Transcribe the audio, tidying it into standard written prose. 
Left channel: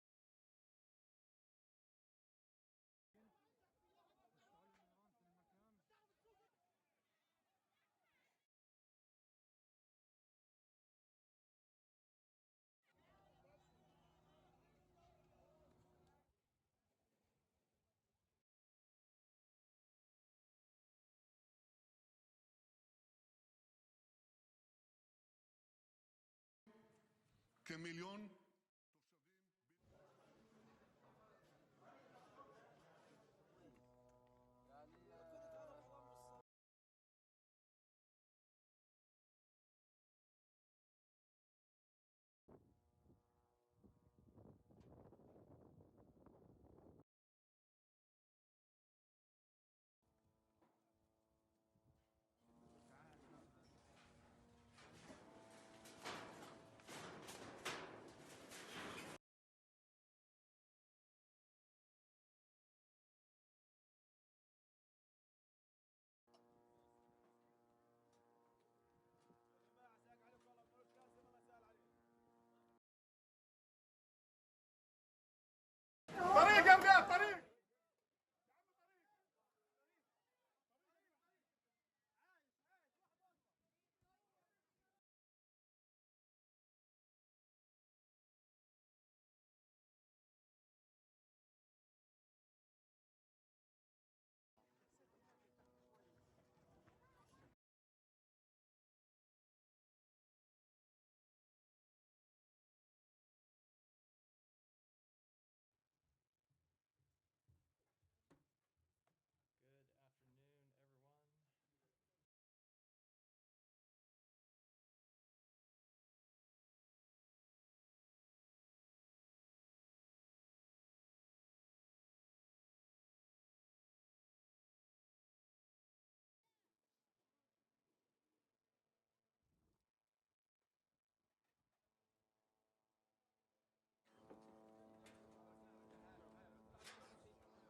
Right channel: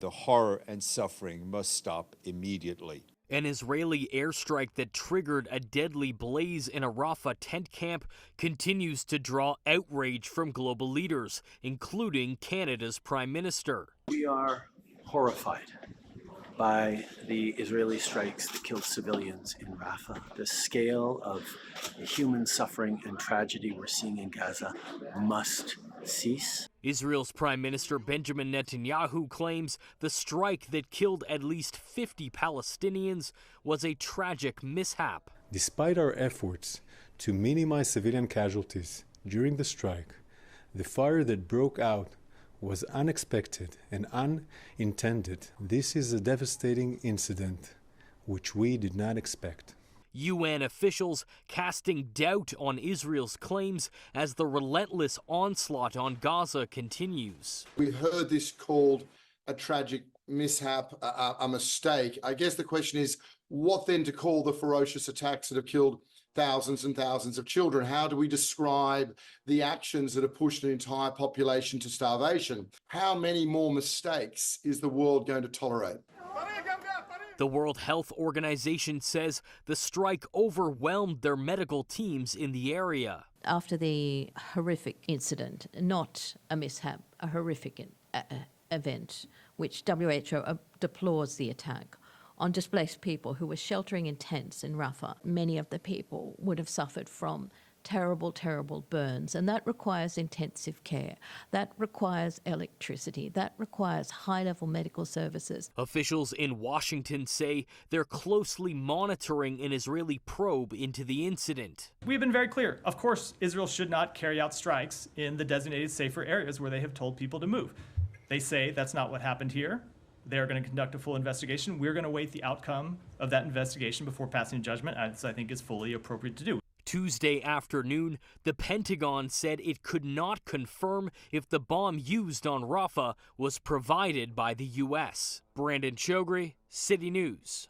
The horror and suffering must stop immediately. An Israeli airstrike that triggered a deadly blaze in a Rafah tent camp continues to draw outrage from global leaders, including Canada's Prime Minister. We are horrified by the Israeli strikes that killed civilians in Rafah. The scale of human suffering and tragedy we're seeing in Gaza must cease. Israel's Prime Minister Benjamin Netanyahu claims the strike that killed at least 50 Palestinians was a tragic mishap. Despite our efforts to minimize civilian casualties during the strike, the fire that broke out was unexpected and unintended. This is a devastating incident which we did not expect. UN officials casting doubt on Israel's claims as the relentless onslaught on Gaza continues. We heard this called a tragic mishap, a mistake. I guess the question is, what then to call the ferocious attacks that have killed thousands and thousands of children? How do we describe the actions that have pushed an entire population to starvation? How many more mistakes is the world going to tolerate? The World Health Organization says the strike overwhelmed their medical teams in the area. After the horrific incident, not a mishap, a horrific event, which WHO deplores the attack on displaced people who were sheltering in tents in Rafah. Many of the people would have suffered from terrible, terrible burns, and that requires intensive care. That requires electricity. That requires high-level medical services. Officials in Washington say they're closely monitoring an Israeli probe into the incident. We've been very clear. Of course, Israel should not carry out strikes in the designated safer areas where they have told people to move. They say that's not what happened here. They're going to conduct a full investigation. We're going to wait the outcome of that investigation before passing judgment, as I think is fully appropriate to do. Tuesday afternoon, the Pentagon said it could not confirm if the bomb used on Rafah was provided by the U.S. Brandon Choghri, City News.